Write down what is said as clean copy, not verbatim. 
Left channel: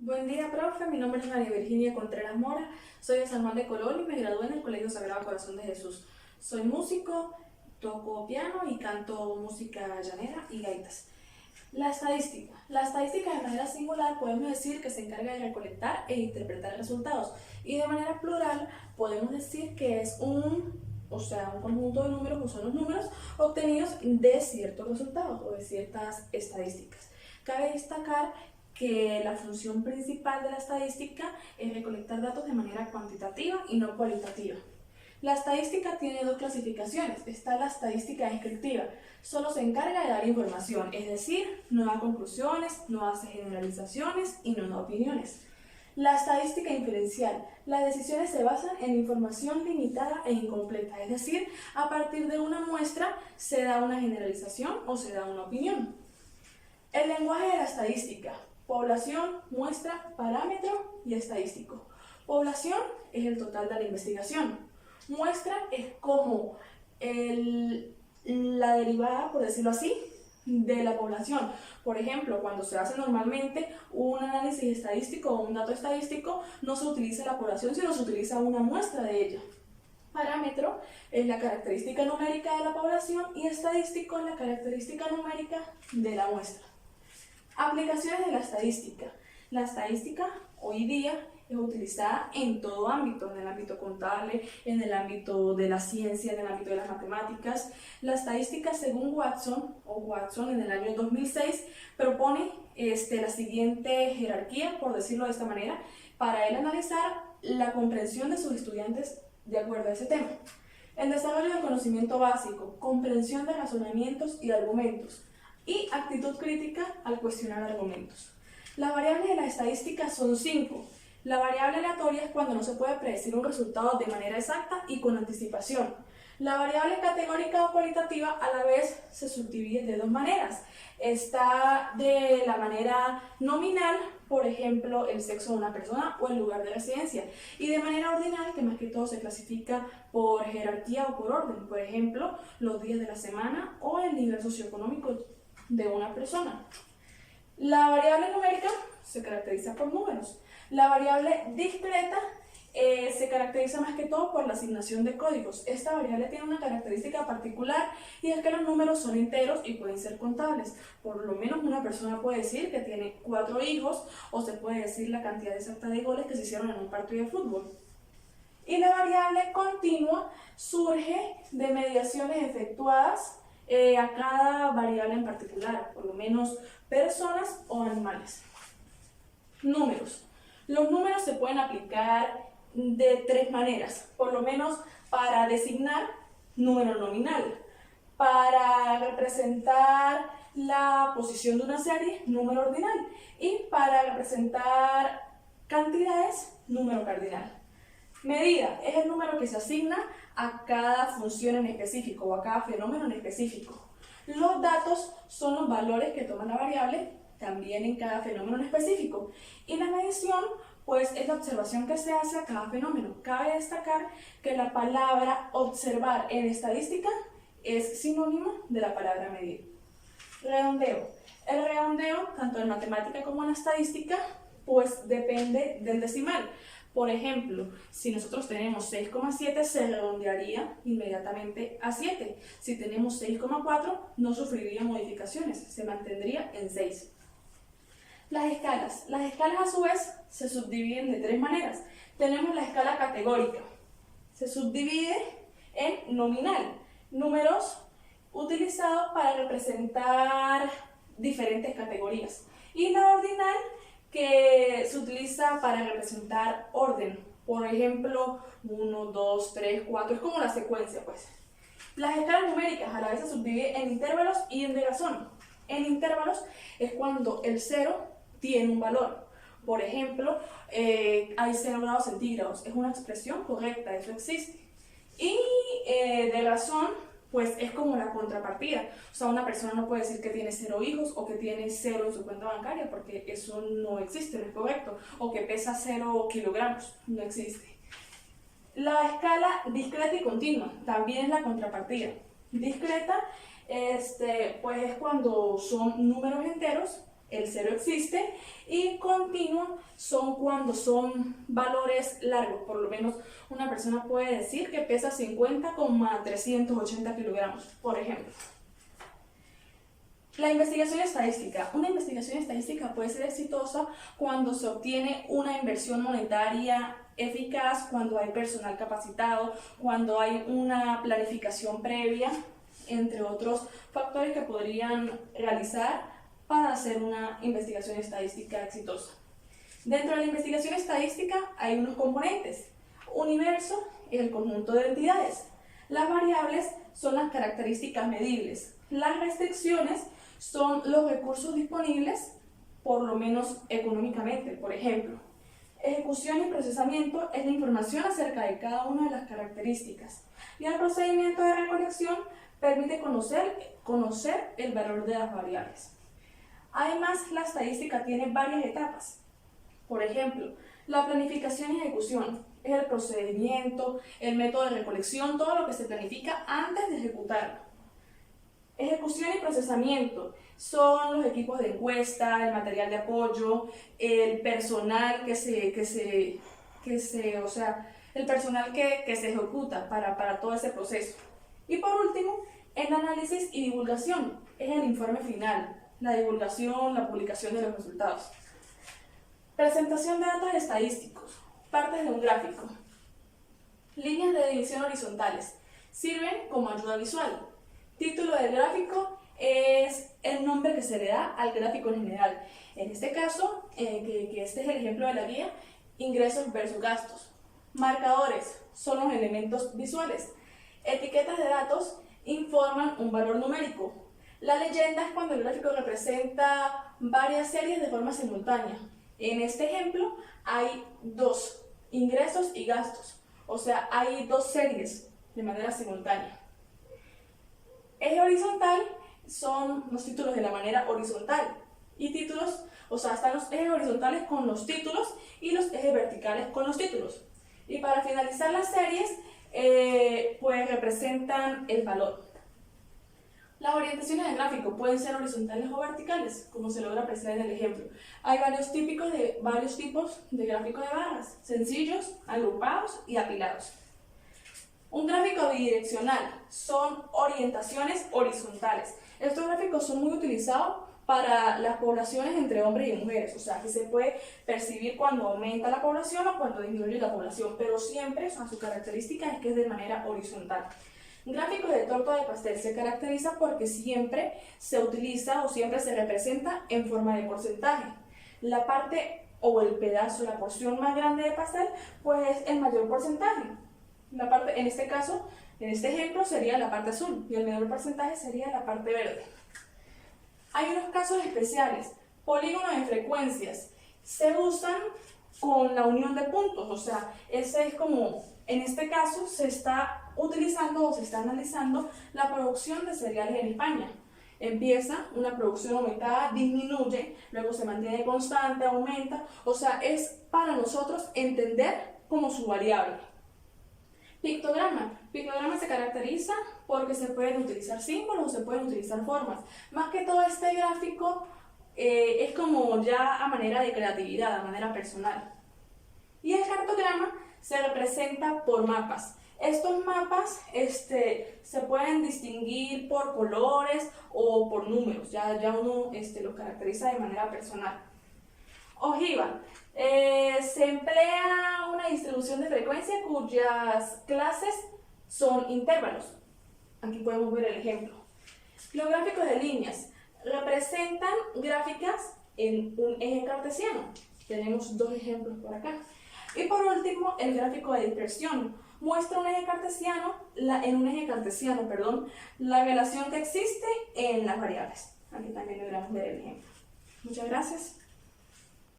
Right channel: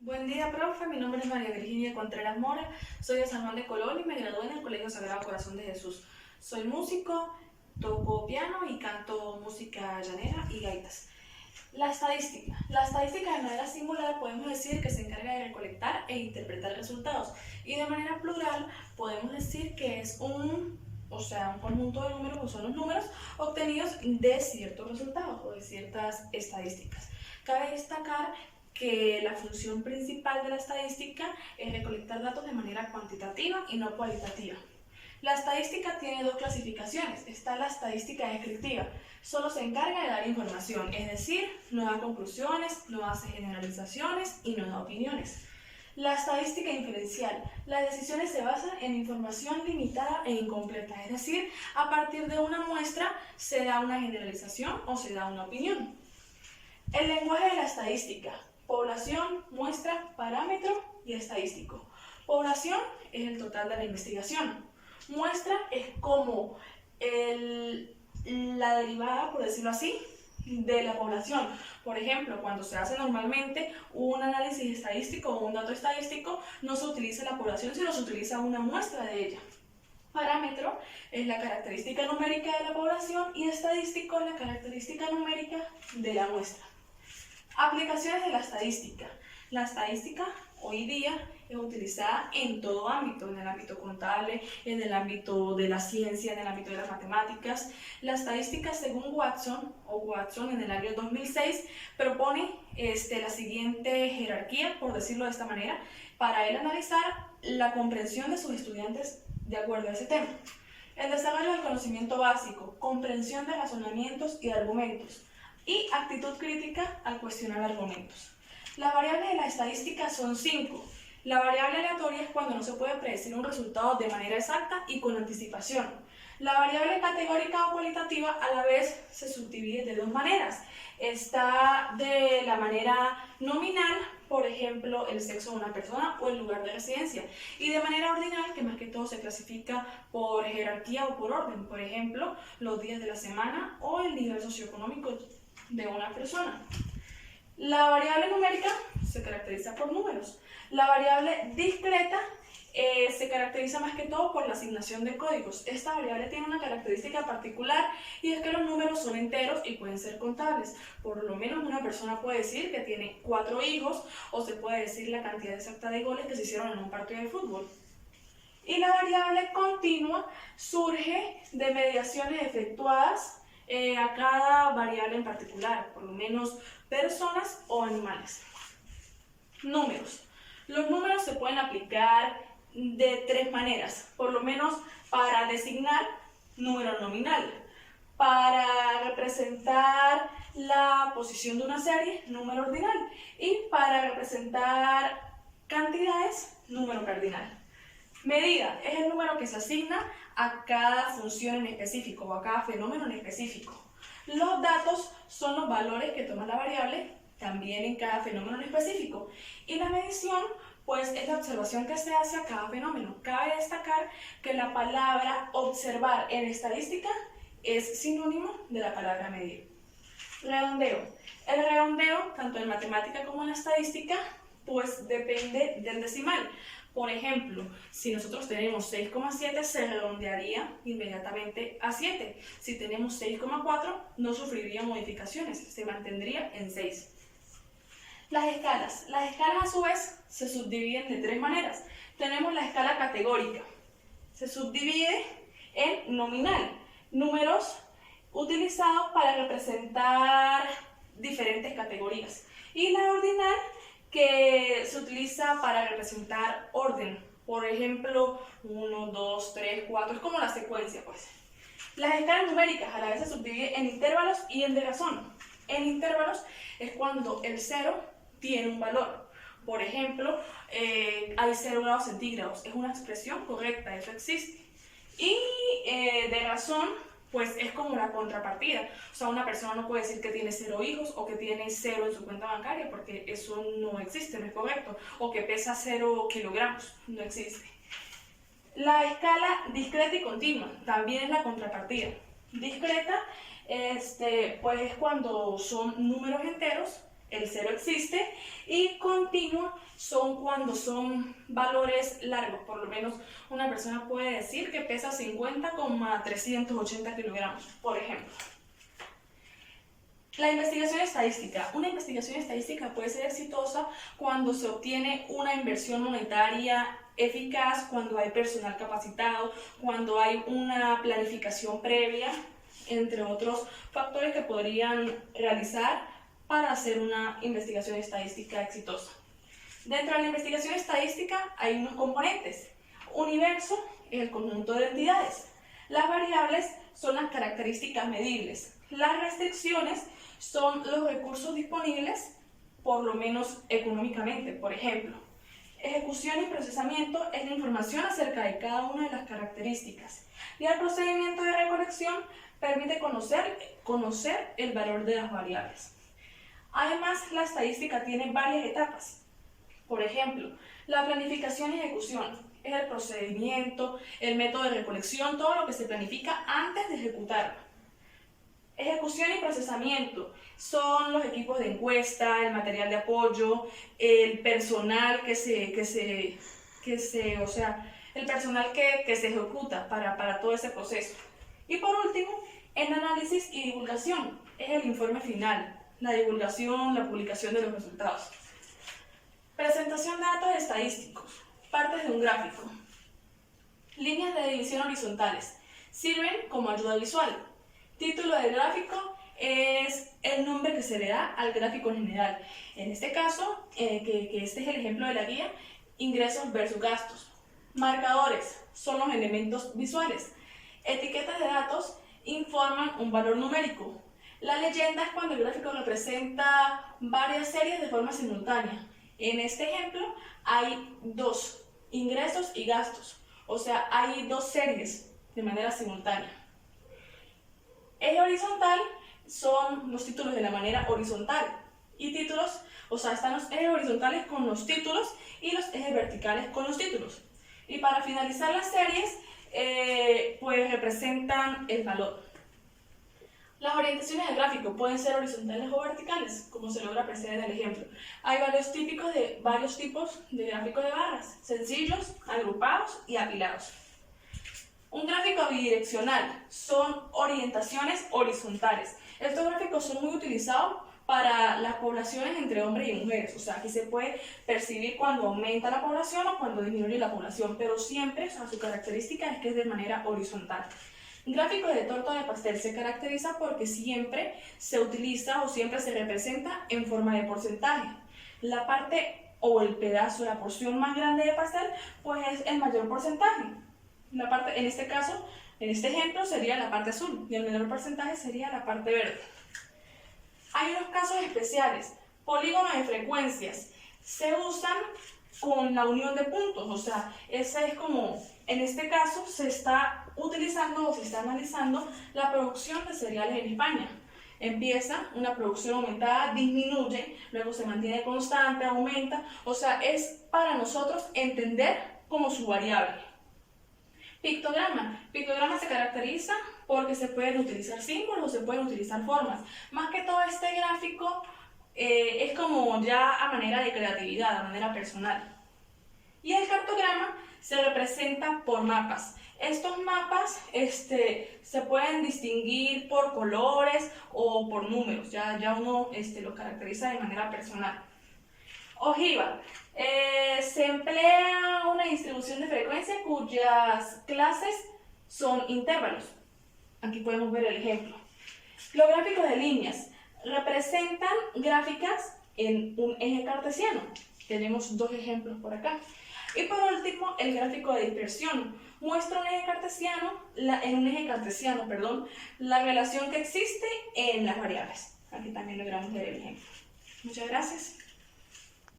Buen día, profe. Mi nombre es María Virginia Contreras Mora. Soy de San Juan de Colón y me gradué en el Colegio Sagrado Corazón de Jesús. Soy músico, toco piano y canto música llanera y gaitas. La estadística. La estadística de manera singular podemos decir que se encarga de recolectar e interpretar resultados. Y de manera plural podemos decir que es un conjunto de números, o son los números obtenidos de ciertos resultados o de ciertas estadísticas. Cabe destacar que la función principal de la estadística es recolectar datos de manera cuantitativa y no cualitativa. La estadística tiene dos clasificaciones. Está la estadística descriptiva. Solo se encarga de dar información, es decir, no da conclusiones, no hace generalizaciones y no da opiniones. La estadística inferencial. Las decisiones se basan en información limitada e incompleta, es decir, a partir de una muestra se da una generalización o se da una opinión. El lenguaje de la estadística. Población, muestra, parámetro y estadístico. Población es el total de la investigación. Muestra es como la derivada, por decirlo así, de la población. Por ejemplo, cuando se hace normalmente un análisis estadístico o un dato estadístico, no se utiliza la población, sino se utiliza una muestra de ella. Parámetro es la característica numérica de la población y estadístico es la característica numérica de la muestra. Aplicaciones de la estadística. La estadística hoy día es utilizada en todo ámbito, en el ámbito contable, en el ámbito de la ciencia, en el ámbito de las matemáticas. La estadística, según Watson en el año 2006, propone la siguiente jerarquía, por decirlo de esta manera, para él analizar la comprensión de sus estudiantes de acuerdo a ese tema. El desarrollo del conocimiento básico, comprensión de razonamientos y de argumentos, y actitud crítica al cuestionar argumentos. Las variables de la estadística son 5. La variable aleatoria es cuando no se puede predecir un resultado de manera exacta y con anticipación. La variable categórica o cualitativa a la vez se subdivide de dos maneras. Está de la manera nominal, por ejemplo, el sexo de una persona o el lugar de residencia, y de manera ordinal, que más que todo se clasifica por jerarquía o por orden, por ejemplo, los días de la semana o el nivel socioeconómico de una persona. La variable numérica se caracteriza por números. La variable discreta se caracteriza más que todo por la asignación de códigos. Esta variable tiene una característica particular y es que los números son enteros y pueden ser contables. Por lo menos una persona puede decir que tiene 4 hijos o se puede decir la cantidad exacta de goles que se hicieron en un partido de fútbol. Y la variable continua surge de mediaciones efectuadas a cada variable en particular, por lo menos personas o animales. Números. Los números se pueden aplicar de 3 maneras, por lo menos para designar número nominal, para representar la posición de una serie, número ordinal, y para representar cantidades, número cardinal. Medida es el número que se asigna a cada función en específico o a cada fenómeno en específico. Los datos son los valores que toma la variable también en cada fenómeno en específico. Y la medición, pues, es la observación que se hace a cada fenómeno. Cabe destacar que la palabra observar en estadística es sinónimo de la palabra medir. Redondeo. El redondeo, tanto en matemática como en estadística, pues depende del decimal. Por ejemplo, si nosotros tenemos 6,7, se redondearía inmediatamente a 7. Si tenemos 6,4, no sufriría modificaciones, se mantendría en 6. Las escalas. Las escalas a su vez se subdividen de 3 maneras. Tenemos la escala categórica. Se subdivide en nominal, números utilizados para representar diferentes categorías. Y la ordinal, que se utiliza para representar orden. Por ejemplo, 1, 2, 3, 4, es como la secuencia, pues. Las escalas numéricas a la vez se subdividen en intervalos y en diapasón. En intervalos es cuando el 0 tiene un valor. Por ejemplo, hay 0 grados centígrados. Es una expresión correcta, eso existe. Y de razón, pues es como la contrapartida. O sea, una persona no puede decir que tiene 0 hijos o que tiene 0 en su cuenta bancaria, porque eso no existe, no es correcto. O que pesa 0 kilogramos, no existe. La escala discreta y continua también es la contrapartida. Discreta, pues es cuando son números enteros el cero existe, y continua son cuando son valores largos. Por lo menos una persona puede decir que pesa 50,380 kilogramos, por ejemplo. La investigación estadística. Una investigación estadística puede ser exitosa cuando se obtiene una inversión monetaria eficaz, cuando hay personal capacitado, cuando hay una planificación previa, entre otros factores que podrían realizar para hacer una investigación estadística exitosa. Dentro de la investigación estadística hay unos componentes. Universo es el conjunto de entidades. Las variables son las características medibles. Las restricciones son los recursos disponibles, por lo menos económicamente. Por ejemplo, ejecución y procesamiento es la información acerca de cada una de las características. Y el procedimiento de recolección permite conocer el valor de las variables. Además, la estadística tiene varias etapas. Por ejemplo, la planificación y ejecución es el procedimiento, el método de recolección, todo lo que se planifica antes de ejecutarlo. Ejecución y procesamiento son los equipos de encuesta, el material de apoyo, el personal que se ejecuta para todo ese proceso. Y por último, el análisis y divulgación es el informe final, la divulgación, la publicación de los resultados. Presentación de datos estadísticos, partes de un gráfico. Líneas de división horizontales sirven como ayuda visual. Título del gráfico es el nombre que se le da al gráfico en general. En este caso, que este es el ejemplo de la guía, ingresos versus gastos. Marcadores son los elementos visuales. Etiquetas de datos informan un valor numérico. La leyenda es cuando el gráfico representa varias series de forma simultánea. En este ejemplo hay dos, ingresos y gastos. O sea, hay dos series de manera simultánea. Eje horizontal son los títulos de la manera horizontal y títulos, o sea, están los ejes horizontales con los títulos y los ejes verticales con los títulos. Y para finalizar las series, pues representan el valor. Las orientaciones del gráfico pueden ser horizontales o verticales, como se logra apreciar en el ejemplo. Hay varios tipos de gráficos de barras, sencillos, agrupados y apilados. Un gráfico bidireccional son orientaciones horizontales. Estos gráficos son muy utilizados para las poblaciones entre hombres y mujeres. O sea, aquí se puede percibir cuando aumenta la población o cuando disminuye la población, pero siempre, su característica es que es de manera horizontal. Un gráfico de torta de pastel se caracteriza porque siempre se utiliza o siempre se representa en forma de porcentaje. La parte o el pedazo, la porción más grande de pastel, pues es el mayor porcentaje. La parte, en este caso, en este ejemplo, sería la parte azul y el menor porcentaje sería la parte verde. Hay unos casos especiales. Polígonos de frecuencias se usan con la unión de puntos, o sea, ese es como, en este caso, se está utilizando o se está analizando la producción de cereales en España. Empieza una producción aumentada, disminuye, luego se mantiene constante, aumenta, o sea, es para nosotros entender como su variable. Pictograma. Pictograma se caracteriza porque se pueden utilizar símbolos o se pueden utilizar formas. Más que todo este gráfico es como ya a manera de creatividad, a manera personal. Y el cartograma se representa por mapas. Estos mapas se pueden distinguir por colores o por números, ya uno los caracteriza de manera personal. Ojiva. Se emplea una distribución de frecuencia cuyas clases son intervalos. Aquí podemos ver el ejemplo. Los gráficos de líneas representan gráficas en un eje cartesiano. Tenemos dos ejemplos por acá. Y por último, el gráfico de dispersión muestra en un eje cartesiano, la relación que existe en las variables. Aquí también logramos ver el ejemplo. Muchas gracias.